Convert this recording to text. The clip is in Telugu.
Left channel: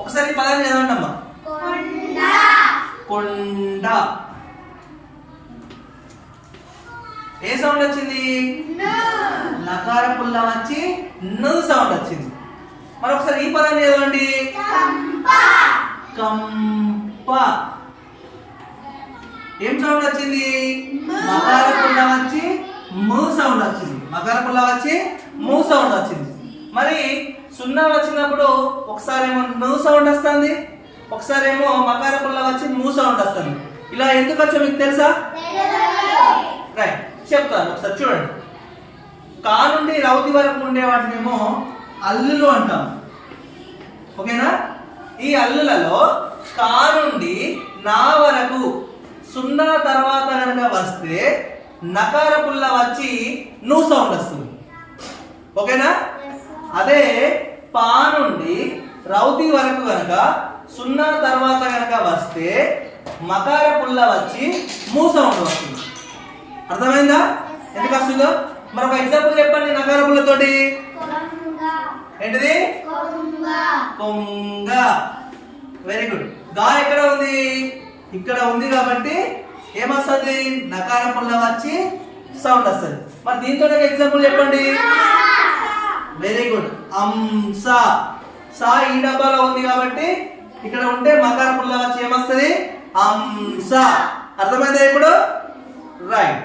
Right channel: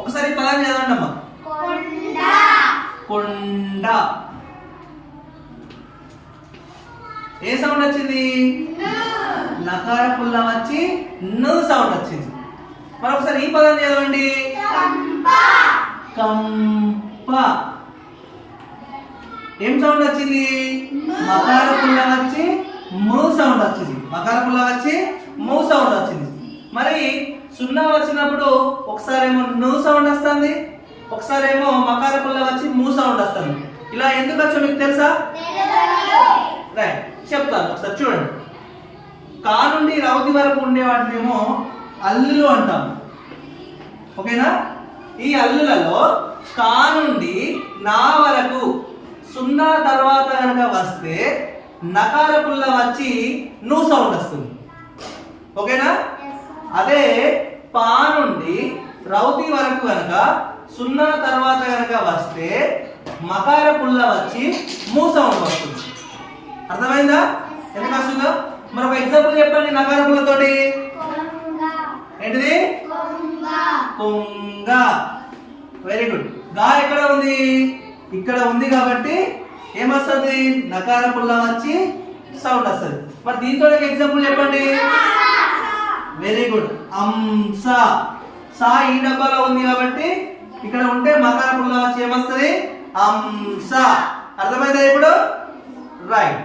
ఒకసారి పదాన్ని చదవండి అమ్మా. కొండ. ఏ సౌండ్ వచ్చింది? నకార పుల్ల వచ్చి ను సౌండ్ వచ్చింది. మరొకసారి ఈ పదాన్ని చదవండి. కంప. ఏం సౌండ్ వచ్చింది? మకార పుల్ల వచ్చి ము సౌండ్ వచ్చింది. మకార పుల్ల వచ్చి ము సౌండ్ వచ్చింది. మరి సున్నా వచ్చినప్పుడు ఒకసారి ఏమో ను సౌండ్ వస్తుంది, ఒకసారి ఏమో మకార పుల్ల వచ్చి ము సౌండ్ వస్తుంది. ఇలా ఎందుకు వచ్చో మీకు తెలుసా? రైట్, చెప్తాను ఒకసారి చూడండి. కా నుండి రౌతి వరకు ఉండే వాటినేమో అల్లులు అంటాం. ఓకేనా? ఈ అల్లులలో కా నుండి నా వరకు సున్నా తర్వాత కనుక వస్తే నకార పుల్ల వచ్చి ను సౌండ్ వస్తుంది. ఓకేనా? అదే పా నుండి రౌతి వరకు కనుక సున్నా తర్వాత కనుక వస్తే మకార పుల్ల వచ్చి ము సౌండ్ వస్తుంది. అర్థమైందా ఎందుకు వస్తుందో? మరొక ఎగ్జాంపుల్ చెప్పండి నకార పుల్లతోటి. ఏంటిది? కొంగ. Very good. గా ఎక్కడ ఉంది? ఇక్కడ ఉంది కాబట్టి ఏమొస్తుంది? నకార పుల్ల వచ్చి సౌండ్ వస్తుంది. మరి దీంతో ఎగ్జాంపుల్ చెప్పండి. Very good. అంస. సా ఈ డబ్బాలో ఉంది కాబట్టి ఇక్కడ ఉంటే మకార పుల్ల వచ్చి ఏమొస్తుంది? అంస. అర్థమైందా ఇప్పుడు? రైట్.